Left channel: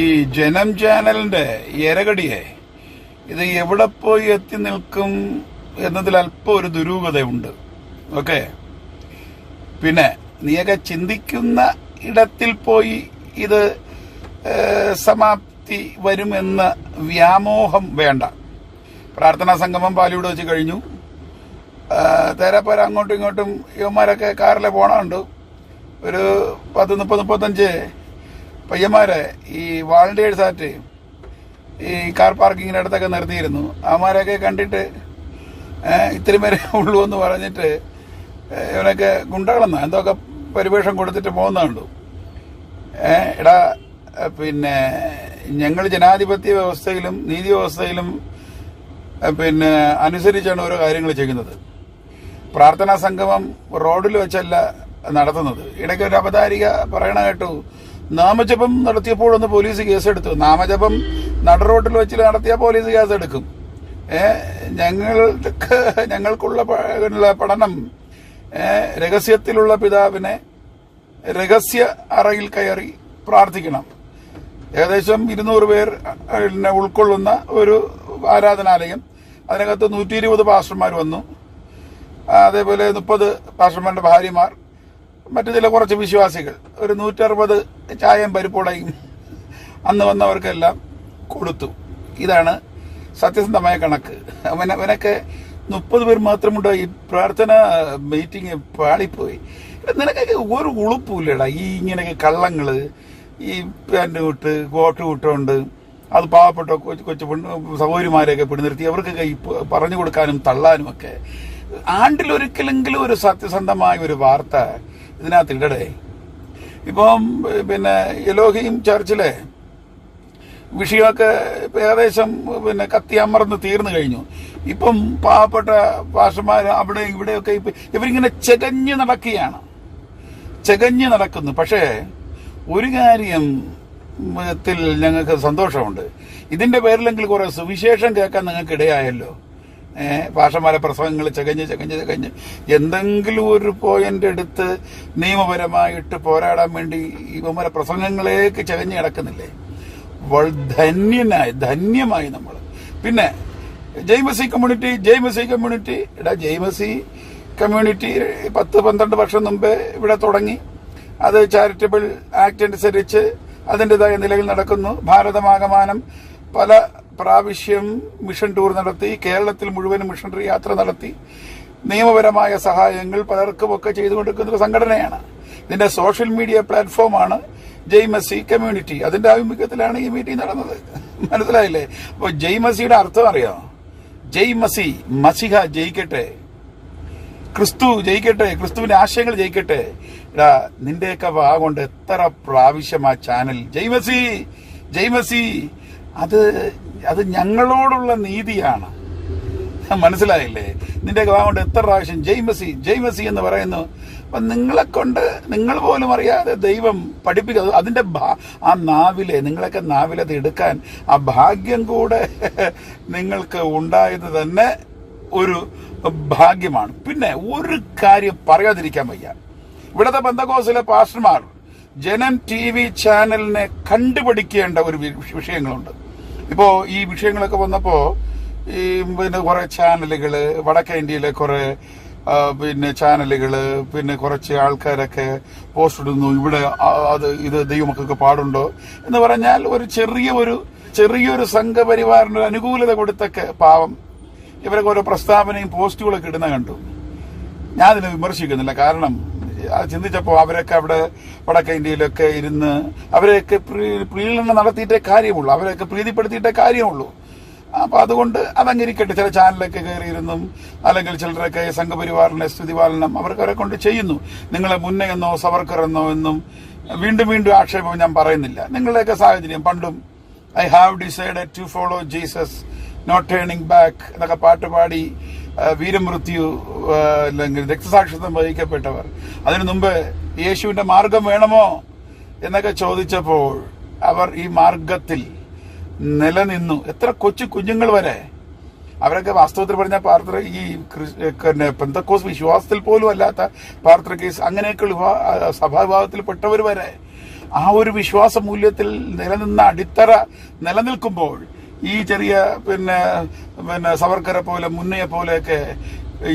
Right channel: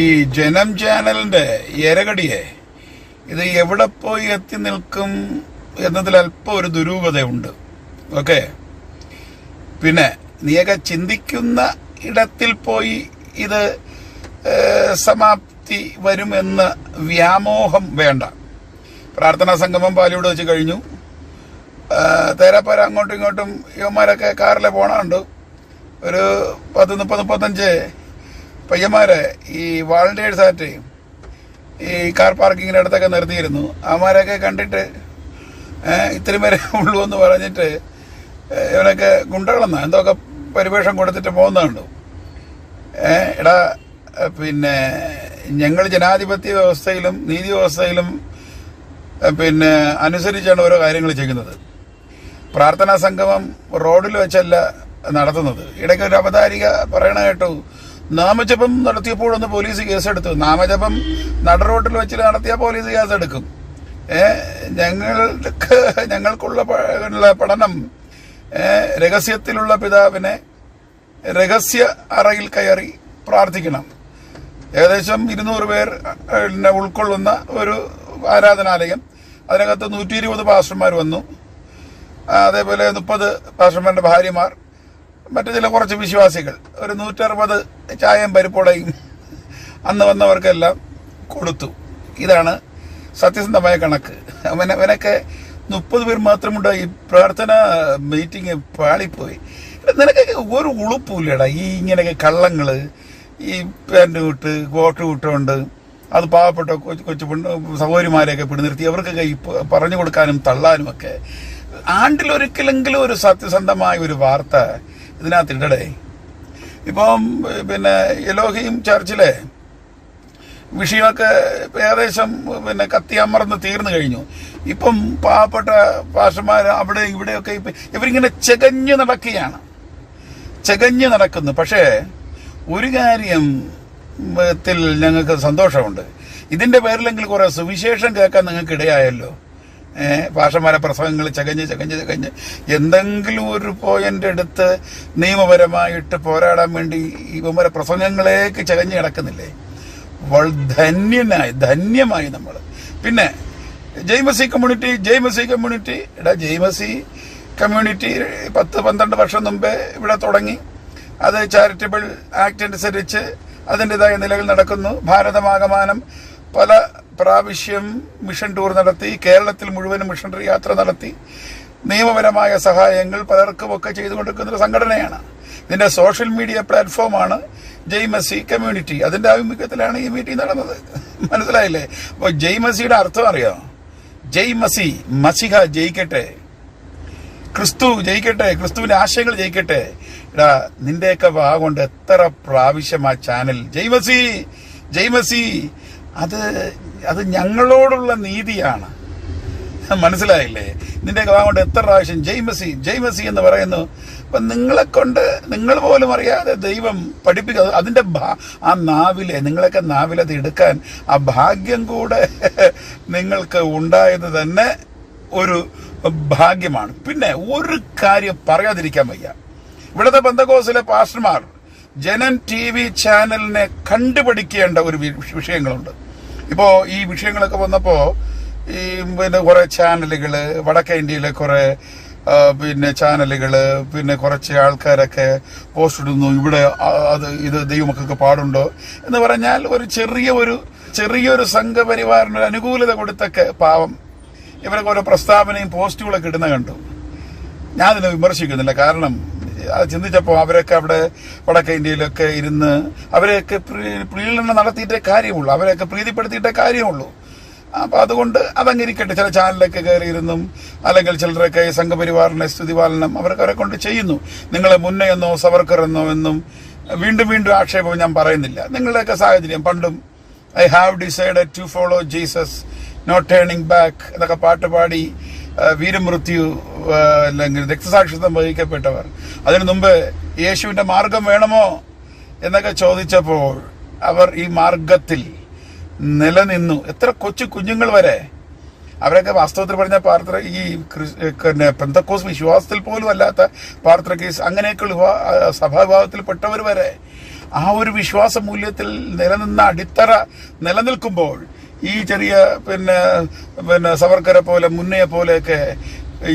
ഈ ജനം ചാനലിന്റെ എരകടിയെ ഇത് എവിടെ പോയി എത്തി നിൽക്കും എന്നതിൽ അല്പം ഒരു ദുരൂഹതയുണ്ട്. ഓക്കെ, പിന്നെ നീയൊക്കെ ചിന്തിക്കുന്ന ഇടത്തിൽ പോയി ഇത് സമാപ്തി വരുമെന്ന വ്യാമോഹം വേണ്ട. പ്രാർത്ഥനാ സംഗമം പാലിയോട് വെച്ച് കഴിഞ്ഞു. തേരാപ്പാര അങ്ങോട്ടും ഇങ്ങോട്ടും യുവന്മാരൊക്കെ കാറിലെ പോണുണ്ട്. ഒരു 30-35 പയ്യന്മാരെ ഈ വാളണ്ടിയേഴ്സായിട്ട് ഈ കാർ പാർക്കിങ്ങിൻ്റെ അടുത്തൊക്കെ നിർത്തിയിരുന്നു. അവന്മാരൊക്കെ കണ്ടിട്ട് ഇത്രയും പേരെ ഉള്ളൂ എന്ന് പറഞ്ഞിട്ട് ഇവനൊക്കെ ഗുണ്ടകളെന്നാ എന്തൊക്കെ പരിവേഷം കൊടുത്തിട്ട് പോകുന്നുണ്ട്. എടാ, പിന്നെ ഞങ്ങൾ ജനാധിപത്യ വ്യവസ്ഥയിലും നീതി വ്യവസ്ഥയിലും പിന്നെ അനുസരിച്ചാണ് ഓരോ കാര്യങ്ങൾ ചെയ്യുന്നത്. പ്രാർത്ഥനാ സംഗമം റോഡിൽ വെച്ചല്ല നടത്തുന്നത്. ഇടയ്ക്ക് ഒരു അവതാരിക പറയണ കേട്ടു, നാമജപം നടത്തിയപ്പോഴൊന്ന് പോലീസ് കേസെടുത്തു. നാമജപം നടുറോഡിൽ വെച്ച് നടത്തിയ പോലീസ് കേസെടുക്കും. ഞങ്ങൾക്കുള്ള പഠനം രഹസ്യത്തിലുള്ള പിതാവിനെ രഹസ്യ അറയിൽ കയറി പ്രാർത്ഥിക്കണം. ഏകദേശം 200 പേർ ഉൾക്കൊള്ളുന്ന ഒരു ആരാധനാലയം. അതിനകത്ത് 120 പാസ്റ്റർമാർ വന്നു. അതേപോലെ 30 പാസ്റ്റർമാരുടെ ഭാര്യമാർ, മറ്റു ചില കുറച്ച് വിശ്വാസികൾ, ഒരു 160 ചായയും പരിപ്പുടയും അന്ന് വന്നവർക്കെല്ലാം കൊടുത്തു. ഇതാണ് സത്യസന്ധമായ കണക്ക്. അവനൊക്കെ 30 പേർ മാത്രമുണ്ടായി. പ്രാർത്ഥന മീറ്റിംഗ് പാളിപ്പോയി. നിനക്കൊക്കെ ഒരു ഉളുപ്പില്ലടാ ഈ ഇങ്ങനെയൊക്കെ കള്ളങ്ങള്. ഈ പാൻറ് വിട്ട് കോട്ട് വിട്ടുകൊണ്ട് അത് പാവപ്പെട്ട കൊച്ചു സഹോദരിമാരെയൊക്കെ പിടിനിർത്തി അവർക്കൊക്കെ ഈ പറഞ്ഞു കൊടുക്കാനും തള്ളാനും ഒക്കെ. ആണ്ടിലൊരിക്കലെങ്കിലും ഒരു സത്യസന്ധമായ ഒരു വാർത്ത ഇതിനകത്ത് ഇടടേ. ഇപ്പം പിന്നെ എലോഹിയും ചർച്ചിലെ വിഷയമൊക്കെ ഏകദേശം പിന്നെ കത്തിയമർന്ന് തീർന്നു കഴിഞ്ഞു. ഇപ്പം പാവപ്പെട്ട പാസ്റ്റർമാർ അവിടെ ഇവിടെയൊക്കെ ഇവരിങ്ങനെ ചെകഞ്ഞു നടക്കുന്നു. പക്ഷേ ഒരു കാര്യത്തിൽ ഞങ്ങൾക്ക് സന്തോഷമുണ്ട്. ഇതിന്റെ പേരിലെങ്കിൽ കുറെ സുവിശേഷം കേൾക്കാൻ നിങ്ങൾക്ക് ഇടയായല്ലോ. പാസ്റ്റർമാരെ പ്രസംഗങ്ങൾ ചകഞ്ഞ് എന്തെങ്കിലും ഒരു പോയിന്റ് എടുത്ത് നിയമപരമായിട്ട് പോരാടാൻ വേണ്ടി ഇവന്മാരെ പ്രസംഗങ്ങളേക്ക് ചകഞ്ഞ് കിടക്കുന്നില്ലേ. ധന്യമായി നമ്മൾ. പിന്നെ ജെയ്മസി കമ്മ്യൂണിറ്റി എടാ, ജെയ്മസി കമ്മ്യൂണിറ്റി 10-12 വർഷം മുമ്പേ ഇവിടെ തുടങ്ങി. അത് ചാരിറ്റബിൾ ആക്ട് അനുസരിച്ച് അതിൻ്റെതായ നിലയിൽ നടക്കുന്നു. ഭാരതമാകമാനം പല പ്രാവശ്യം മിഷൻ ടൂർ നടത്തി. കേരളത്തിൽ മുഴുവനും മിഷണറി യാത്ര നടത്തി. നിയമപരമായ സഹായങ്ങൾ പലർക്കുമൊക്കെ ചെയ്തുകൊണ്ടിരിക്കുന്ന ഒരു സംഘടനയാണ്. ഇതിന്റെ സോഷ്യൽ മീഡിയ പ്ലാറ്റ്ഫോമാണ് ജെയ്മസി കമ്മ്യൂണിറ്റി. അതിന്റെ ആഭിമുഖ്യത്തിലാണ് ഈ മീറ്റിംഗ് നടന്നത്. മനസ്സിലായില്ലേ? അപ്പോൾ ജെയ്മസിയുടെ അർത്ഥം അറിയോ? ജെയ്മസി, മസിഹ ജയിക്കട്ടെ, ക്രിസ്തു ജയിക്കട്ടെ, ക്രിസ്തുവിന്റെ ആശയങ്ങൾ ജയിക്കട്ടെ. എടാ, നിന്റെയൊക്കെ കൊണ്ട് എത്ര പ്രാവശ്യം ആ ചാനൽ ജെയ്മസി അത് ഞങ്ങളോടുള്ള നീതിയാണ്. മനസ്സിലായില്ലേ? നിന്റെയൊക്കെ കൊണ്ട് എത്ര പ്രാവശ്യം ജെയ്മസി എന്ന് പറയുന്നു. അപ്പൊ നിങ്ങൾ പോലും അറിയാതെ ദൈവം പഠിപ്പിക്കുക. അതിന്റെ ആ നിങ്ങളൊക്കെ നാവിലത് എടുക്കാൻ ആ ഭാഗ്യം കൂടെ നിങ്ങൾക്ക് ഉണ്ടായത് തന്നെ ഒരു ഭാഗ്യമാണ്. പിന്നെ ഒരു കാര്യം പറയാതിരിക്കാൻ വയ്യ. ഇവിടുത്തെ പെന്തക്കോസ്തിലെ പാസ്റ്റർമാർ ജനം TV ചാനലിനെ കണ്ടുപിടിക്കേണ്ട ഒരു വിഷയങ്ങളുണ്ട്. ഇപ്പോ ഈ വിഷയങ്ങളൊക്കെ വന്നപ്പോ ഈ പിന്നെ കുറെ ചാനലുകള്, വടക്കേ ഇന്ത്യയിലെ കുറെ പിന്നെ ചാനലുകള്, പിന്നെ കുറച്ച് ആൾക്കാരൊക്കെ പോസ്റ്റ് ഇടുന്നു, ഇവിടെ ഇത് ദൈവമക്കൾക്ക് പാടുണ്ടോ എന്ന് പറഞ്ഞാൽ ഒരു ചെറിയൊരു സംഘപരിവാറിന് ഒരു അനുകൂലത കൊടുത്തൊക്കെ പാവം ഇവരൊക്കെ ഓരോ പ്രസ്താവനയും പോസ്റ്റുകളൊക്കെ ഇടുന്ന കണ്ടു. ഞാൻ അതിനെ വിമർശിക്കുന്നില്ല. കാരണം അത് ചിന്തിച്ചപ്പോൾ അവരൊക്കെ അവിടെ വടക്കേ ഇന്ത്യയിലൊക്കെ ഇരുന്ന് അവരെയൊക്കെ പ്രീണനം നടത്തിയിട്ടേ കാര്യമുള്ളൂ, അവരെയൊക്കെ പ്രീതിപ്പെടുത്തിയിട്ടേ കാര്യമുള്ളൂ. അപ്പൊ അതുകൊണ്ട് അതങ്ങിരിക്കട്ടെ. ചില ചാനലൊക്കെ കയറിയിരുന്നും അല്ലെങ്കിൽ ചിലരൊക്കെ സംഘപരിവാറിനെ സ്തുതിപാലനം അവരെ കൊണ്ട് ചെയ്യുന്നു. നിങ്ങളെ മുന്നേ എന്നോ സവർക്കർ എന്നോ എന്നും വീണ്ടും ആക്ഷേപം ഞാൻ പറയുന്നില്ല. നിങ്ങളുടെയൊക്കെ സാഹചര്യം പണ്ടും I have decided to follow Jesus not turning back എന്നൊക്കെ പാട്ടുപാടി വീരമൃത്യു അല്ലെങ്കിൽ രക്തസാക്ഷിത്വം വഹിക്കപ്പെട്ടവർ, അതിനു മുമ്പ് യേശുവിന്റെ മാർഗം വേണമോ എന്നൊക്കെ ചോദിച്ചപ്പോൾ അവർ ഈ മാർഗത്തിൽ നിലനിന്നു. എത്ര കുഞ്ഞുങ്ങൾ വരെ അവരൊക്കെ വാസ്തവത്തിൽ പറഞ്ഞ ഈ പെന്തക്കോസ് വിശ്വാസത്തിൽ പോലും അല്ലാത്ത പാർത്രീസ് അങ്ങനെയൊക്കെയുള്ള സഭാവിഭാഗത്തിൽപ്പെട്ടവർ വരെ ആ ഒരു വിശ്വാസ മൂല്യത്തിൽ നിലനിന്ന അടിത്തറ നിലനിൽക്കുമ്പോൾ ഈ ചെറിയ പിന്നെ സവർക്കറെ പോലെ മുന്നയെ പോലെയൊക്കെ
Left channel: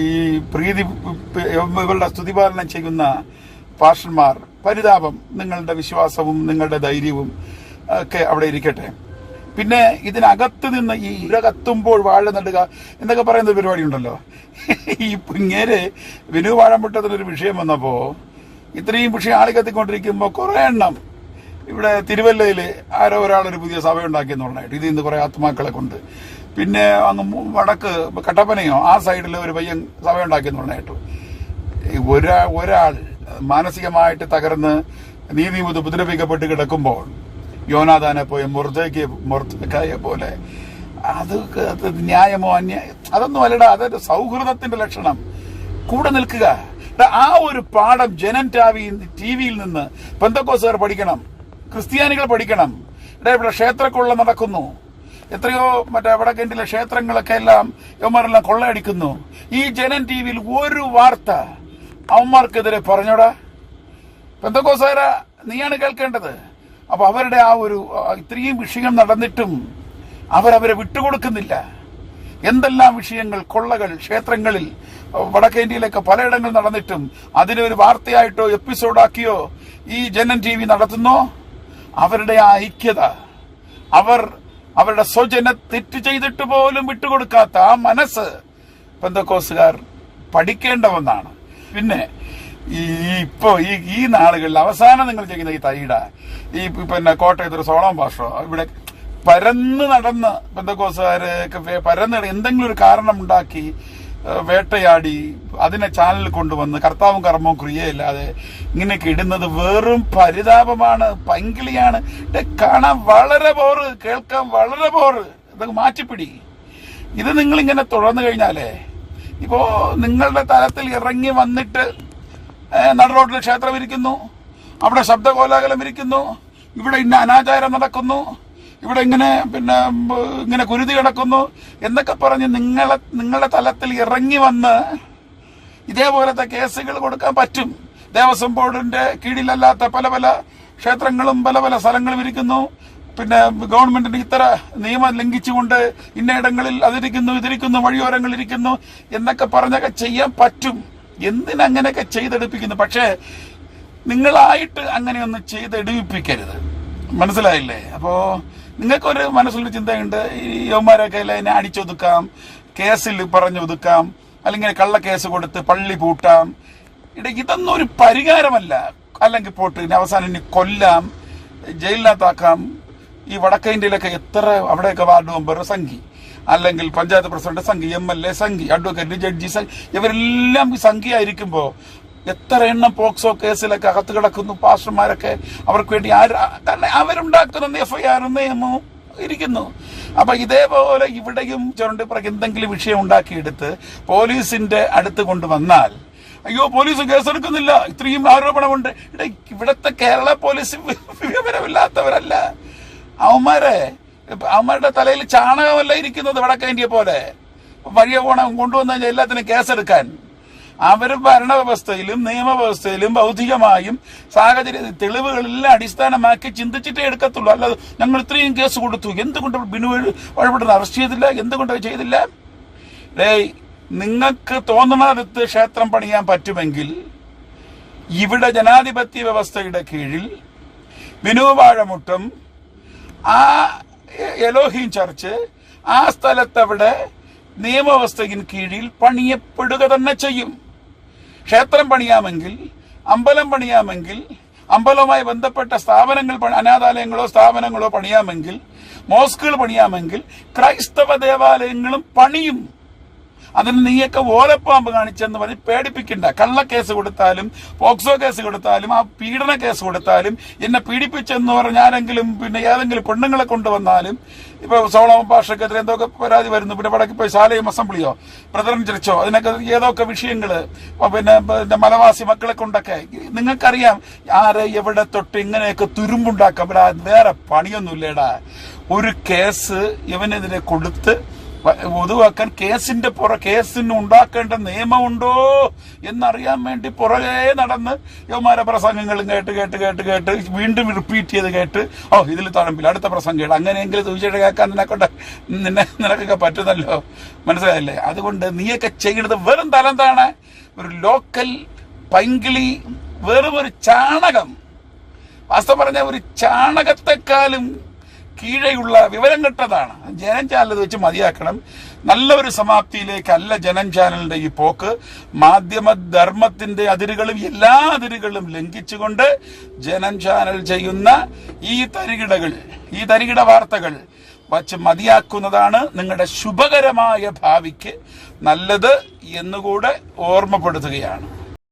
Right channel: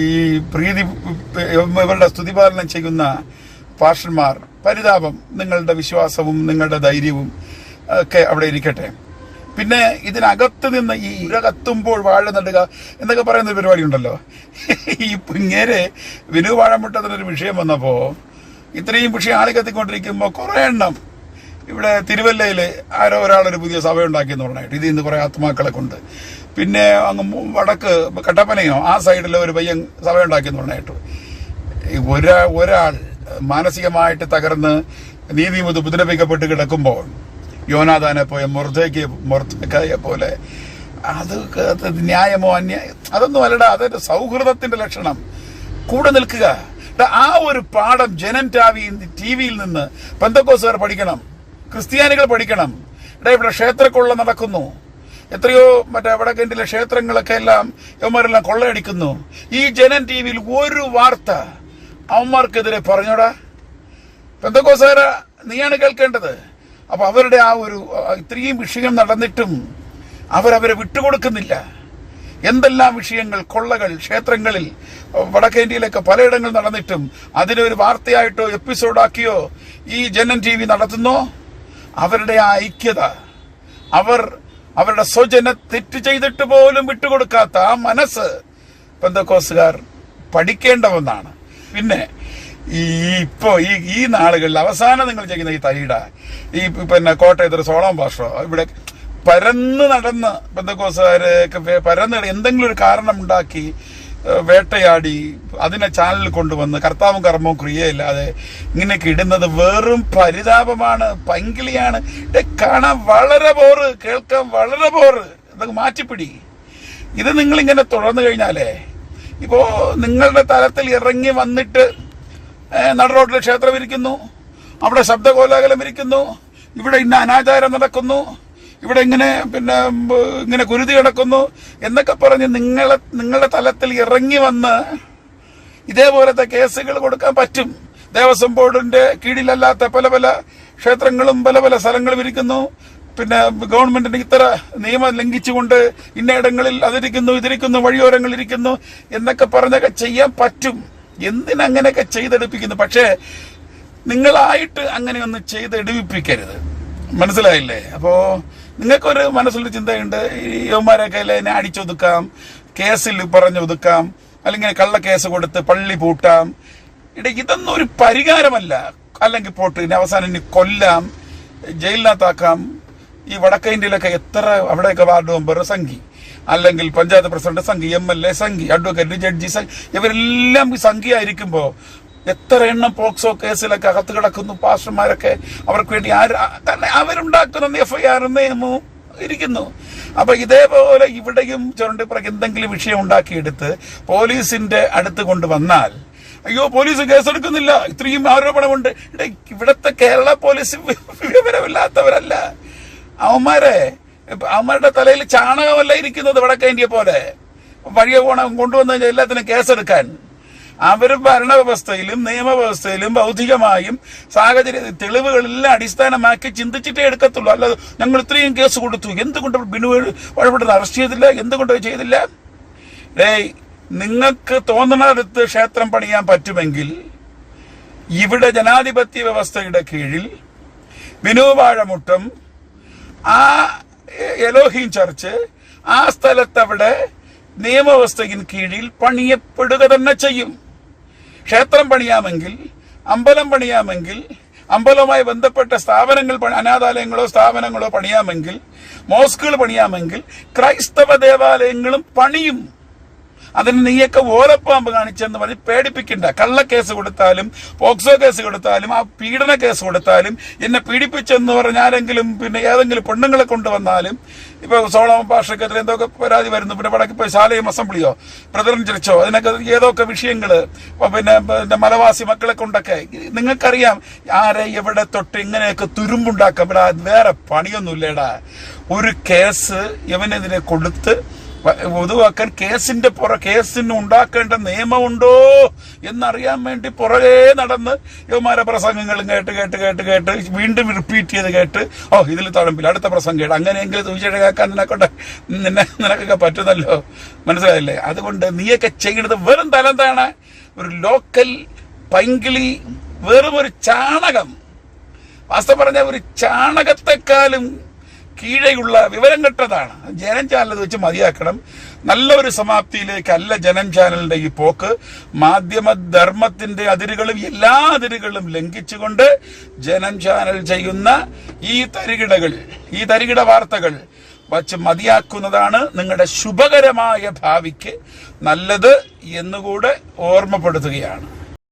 ഈ ഇവരുടെ സ്തുതിപാലനം ചെയ്യുന്ന പാസ്റ്റർമാർ, പരിതാപം. നിങ്ങളുടെ വിശ്വാസവും നിങ്ങളുടെ ധൈര്യവും ഒക്കെ അവിടെ ഇരിക്കട്ടെ. പിന്നെ ഇതിനകത്ത് നിന്ന് ഈ കത്തുമ്പോൾ വാഴ നടുക എന്നൊക്കെ പറയുന്ന ഒരു പരിപാടി ഉണ്ടല്ലോ. ഈ ഇങ്ങനെ വിനു വാഴമുട്ടത്തിനൊരു വിഷയം വന്നപ്പോ ഇത്രയും വിഷയം ആളി കത്തിക്കൊണ്ടിരിക്കുമ്പോൾ കുറെ എണ്ണം ഇവിടെ തിരുവല്ലയിൽ ആരോ ഒരാളൊരു പുതിയ സഭ ഉണ്ടാക്കിയെന്ന് പറഞ്ഞിട്ട് ഇതിൽ നിന്ന് കുറെ ആത്മാക്കളെ കൊണ്ട്, പിന്നെ അങ്ങ് വടക്ക് കട്ടപ്പനയോ ആ സൈഡിൽ ഒരു പയ്യൻ സഭ ഉണ്ടാക്കിയെന്ന് പറഞ്ഞിട്ടു. ഒരാൾ മാനസികമായിട്ട് തകർന്ന് നീതിമുത് ഉപദ്രവിക്കപ്പെട്ട് കിടക്കുമ്പോൾ യോനാഥാനെ പോലെ മൊർദെഖായെ പോലെ അത് ന്യായമോ അതൊന്നും അല്ലടാ. അതൊരു സൗഹൃദത്തിന്റെ ലക്ഷണം. കൂടെ നിൽക്കുക. ആ ഒരു പാഠം ജനൻ ടിവിയിൽ നിന്ന് പെന്തക്കോസ്തുകാർ പഠിക്കണം, ക്രിസ്ത്യാനികൾ പഠിക്കണം. ഇവിടെ ക്ഷേത്രക്കൊള്ള നടക്കുന്നു, എത്രയോ മറ്റേ വടക്കേണ്ടിലെ ക്ഷേത്രങ്ങളൊക്കെ എല്ലാം യവന്മാരെല്ലാം കൊള്ളയടിക്കുന്നു. ഈ ജനൻ ടിവിയിൽ ഒരു വാർത്ത അവന്മാർക്കെതിരെ പറഞ്ഞോടാ. പെന്തക്കോസ്തുകാര നീയാണ് കേൾക്കേണ്ടത്. അപ്പൊ അവരുടെ ആ ഒരു ഇത്രയും വിഷയം നടന്നിട്ടും അവരവരെ വിട്ടുകൊടുക്കുന്നില്ല. എന്തെല്ലാം വിഷയങ്ങൾ, കൊള്ളകൾ ക്ഷേത്രങ്ങളിൽ വടക്കേന്ത്യയിലൊക്കെ പലയിടങ്ങളിൽ നടന്നിട്ടും അതിനൊരു വാർത്തയായിട്ടോ എപ്പിസോഡാക്കിയോ ഈ ജനൻ ടി വി നടത്തുന്നോ. അവരുടെ ആ ഐക്യത, അവരുടെ സ്വജന തെറ്റ് ചെയ്തിട്ട് പോലും വിട്ടുകൊടുക്കാത്ത ആ മനസ്സ് പെന്തക്കോസ്തുകാർ പഠിക്കേണ്ട ഒന്നാണ്. പിന്നെ ഈ നാളുകളിൽ അവസാനം നിങ്ങൾ ചെയ്യുന്ന ഈ തൈട, ഈ കോട്ടയത്തൊരു സോളം ഭാഷോ ഇവിടെ പരന്ന് നടന്ന് പെന്തക്കോസ്തുകാരൊക്കെ പരന്ന് എന്തെങ്കിലും ഒരു കാരണം ഉണ്ടാക്കി വേട്ടയാടി അതിനെ ചാനലിൽ കൊണ്ടുവന്ന് കർത്താവും കർമ്മവും ക്രിയയില്ലാതെ ഇങ്ങനെയൊക്കെ ഇടുന്നത് വെറും പരിതാപമാണ്, പങ്കിളിയാണ്. കാണാൻ വളരെ ബോറ്, കേൾക്കാൻ വളരെ ബോറ്. ഇതൊക്കെ മാറ്റിപ്പിടി. ഇത് നിങ്ങളിങ്ങനെ തുടർന്നു കഴിഞ്ഞാലേ ഇപ്പോ നിങ്ങളുടെ തലത്തിൽ ഇറങ്ങി വന്നിട്ട് നടുറോഡിൽ ക്ഷേത്രം ഇരിക്കുന്നു, അവിടെ ശബ്ദകോലാഹലം ഇരിക്കുന്നു, ഇവിടെ ഇന്ന അനാചാരം നടക്കുന്നു, ഇവിടെ ഇങ്ങനെ കുരുതി കിടക്കുന്നു എന്നൊക്കെ പറഞ്ഞ് നിങ്ങളുടെ തലത്തിൽ ഇറങ്ങി വന്ന് ഇതേപോലത്തെ കേസുകൾ കൊടുക്കാൻ പറ്റും. ദേവസ്വം ബോർഡിന്റെ കീഴിലല്ലാത്ത പല പല ക്ഷേത്രങ്ങളും പല പല സ്ഥലങ്ങളും ഇരിക്കുന്നു. ഗവൺമെന്റിന് ഇത്ര നിയമം ലംഘിച്ചുകൊണ്ട് ഇന്നയിടങ്ങളിൽ അതിരിക്കുന്നു, ഇതിരിക്കുന്നു, വഴിയോരങ്ങളിരിക്കുന്നു എന്നൊക്കെ പറഞ്ഞൊക്കെ ചെയ്യാൻ പറ്റും. എന്തിനങ്ങനെയൊക്കെ ചെയ്തെടുപ്പിക്കുന്നു? പക്ഷേ നിങ്ങളായിട്ട് അങ്ങനെയൊന്നും ചെയ്തെടുപ്പിക്കരുത്. മനസ്സിലായില്ലേ? അപ്പോ നിങ്ങൾക്കൊരു മനസ്സിലൊരു ചിന്തയുണ്ട്, ഈ യവന്മാരൊക്കെ എന്നെ അടിച്ചൊതുക്കാം, കേസിൽ പറഞ്ഞൊതുക്കാം, അല്ലെങ്കിൽ കള്ളക്കേസ് കൊടുത്ത് പള്ളി പൂട്ടാം. ഇതൊന്നും ഒരു പരിഹാരമല്ല. അല്ലെങ്കിൽ പോട്ട് ഇനി അവസാനം ഇനി കൊല്ലാം, ജയിലിനകത്താക്കാം. ഈ വടക്കേ ഇന്ത്യയിലൊക്കെ എത്ര അവിടെയൊക്കെ വാർഡ് മെമ്പർ സംഘി, അല്ലെങ്കിൽ panchayat president Sanghi, MLA Sanghi, advocate, judge Sanghi, ഇവരെല്ലാം ഈ സംഘിയായിരിക്കുമ്പോ എത്ര എണ്ണം പോക്സോ കേസിലൊക്കെ അകത്ത് കിടക്കുന്നു. പാസ്റ്റർമാരൊക്കെ അവർക്ക് വേണ്ടി അവരുണ്ടാക്കുന്ന FIR നിയമവും ഇരിക്കുന്നു. അപ്പൊ ഇതേപോലെ ഇവിടെയും ചുരണ്ടിപ്പുറക്ക് എന്തെങ്കിലും വിഷയം ഉണ്ടാക്കിയെടുത്ത് പോലീസിന്റെ അടുത്ത് കൊണ്ടുവന്നാൽ, അയ്യോ പോലീസ് കേസെടുക്കുന്നില്ല, ഇത്രയും ആരോപണമുണ്ട്. ഇവിടത്തെ കേരള പോലീസ് വിവരമില്ലാത്തവരല്ല. അവന്മാരുടെ തലയിൽ ചാണകമല്ല ഇരിക്കുന്നത് വടക്കേ ഇന്ത്യ പോലെ. വഴിയെ കൊണ്ടുവന്നു കഴിഞ്ഞാൽ എല്ലാത്തിനും കേസെടുക്കാൻ അവർ ഭരണവ്യവസ്ഥയിലും നിയമവ്യവസ്ഥയിലും ബൗദ്ധികമായും സാഹചര്യ തെളിവുകളെല്ലാം അടിസ്ഥാനമാക്കി ചിന്തിച്ചിട്ടേ എടുക്കത്തുള്ളൂ. അല്ലാതെ ഞങ്ങൾ ഇത്രയും കേസ് കൊടുത്തു, എന്തുകൊണ്ട് ബിനു വഴിപ്പെടുന്ന അറസ്റ്റ് ചെയ്തില്ല, എന്തുകൊണ്ട് ചെയ്തില്ല? നിങ്ങൾക്ക് തോന്നുന്നിടത്ത് ക്ഷേത്രം പണിയാൻ പറ്റുമെങ്കിൽ ഇവിടെ ജനാധിപത്യ വ്യവസ്ഥയുടെ കീഴിൽ ബിനു വാഴമുട്ടം ആ എലോഹീം ചർച്ച് ആ സ്ഥലത്തവിടെ നിയമവ്യവസ്ഥയ്ക്ക് കീഴിൽ പണിയപ്പെടുക തന്നെ ചെയ്യും. ക്ഷേത്രം പണിയാമെങ്കിൽ, അമ്പലം പണിയാമെങ്കിൽ, അമ്പലവുമായി ബന്ധപ്പെട്ട സ്ഥാപനങ്ങൾ, അനാഥാലയങ്ങളോ സ്ഥാപനങ്ങളോ പണിയാമെങ്കിൽ, മോസ്കുകൾ പണിയാമെങ്കിൽ, ക്രൈസ്തവ ദേവാലയങ്ങളും പണിയും. അതിന് നീയൊക്കെ ഓലപ്പാമ്പ് കാണിച്ചെന്ന് പറഞ്ഞ് പേടിപ്പിക്കണ്ട. കള്ളക്കേസ് കൊടുത്താലും പോക്സോ കേസ് കൊടുത്താലും ആ പീഡന കേസ് കൊടുത്താലും എന്നെ പീഡിപ്പിച്ചെന്ന് പറഞ്ഞാലെങ്കിലും ഏതെങ്കിലും പെണ്ണുങ്ങളെ കൊണ്ടുവന്നാലും ഇപ്പൊ സോളമൻ പാഷക്കെതിരെ എന്തൊക്കെ പരാതി വരുന്നു. വടക്കിപ്പോ ശാലയും അസംബ്ലിയോ ബ്രദറൻ ചർച്ചോ അതിനൊക്കെ ഏതൊക്കെ വിഷയങ്ങള് മലവാസി മക്കളെ കൊണ്ടൊക്കെ നിങ്ങൾക്കറിയാം ആരെ എവിടെ തൊട്ട് ഇങ്ങനെയൊക്കെ തുരുമ്പുണ്ടാക്കാം. ഇവിടെ വേറെ പണിയൊന്നുമില്ലേടാ. ഒരു കേസ് ഇവനെതിരെ കൊടുത്ത് ഒതുവാക്കാൻ കേസിന് ഉണ്ടാക്കേണ്ട നിയമമുണ്ടോ എന്നറിയാൻ വേണ്ടി പുറകെ നടന്ന് യവന്മാരെ പ്രസംഗങ്ങളും കേട്ട് വീണ്ടും റിപ്പീറ്റ് ചെയ്ത് കേട്ട് ഇതിൽ തഴമ്പില്ല, അടുത്ത പ്രസംഗം കേട്ട്, അങ്ങനെയെങ്കിലും സുവിശേഷം കേൾക്കാൻ നിനക്കൊക്കെ പറ്റുന്നല്ലോ. മനസ്സിലായില്ലേ? അതുകൊണ്ട് നീയൊക്കെ ചെയ്യുന്നത് വെറും തലന്താണ്, ഒരു ലോക്കൽ പൈങ്കിളി, വെറും ഒരു ചാണകം. വാസ്തവം പറഞ്ഞ ഒരു ചാണകത്തെക്കാളും കീഴെയുള്ള വിവരം കെട്ടതാണ്. ജനം ചാനൽ വെച്ച് മതിയാക്കണം. നല്ല ഒരു സമാപ്തിയിലേക്കല്ല ജനം ചാനലിന്റെ ഈ പോക്ക്. മാധ്യമധർമ്മത്തിന്റെ അതിരുകളും എല്ലാ അതിരുകളും ലംഘിച്ചുകൊണ്ട് ജനം ചാനൽ ചെയ്യുന്ന ഈ തരികിട വാർത്തകൾ വച്ച് മതിയാക്കുന്നതാണ് നിങ്ങളുടെ ശുഭകരമായ ഭാവിക്ക് നല്ലത് എന്നുകൂടെ ഓർമ്മപ്പെടുത്തുകയാണ്.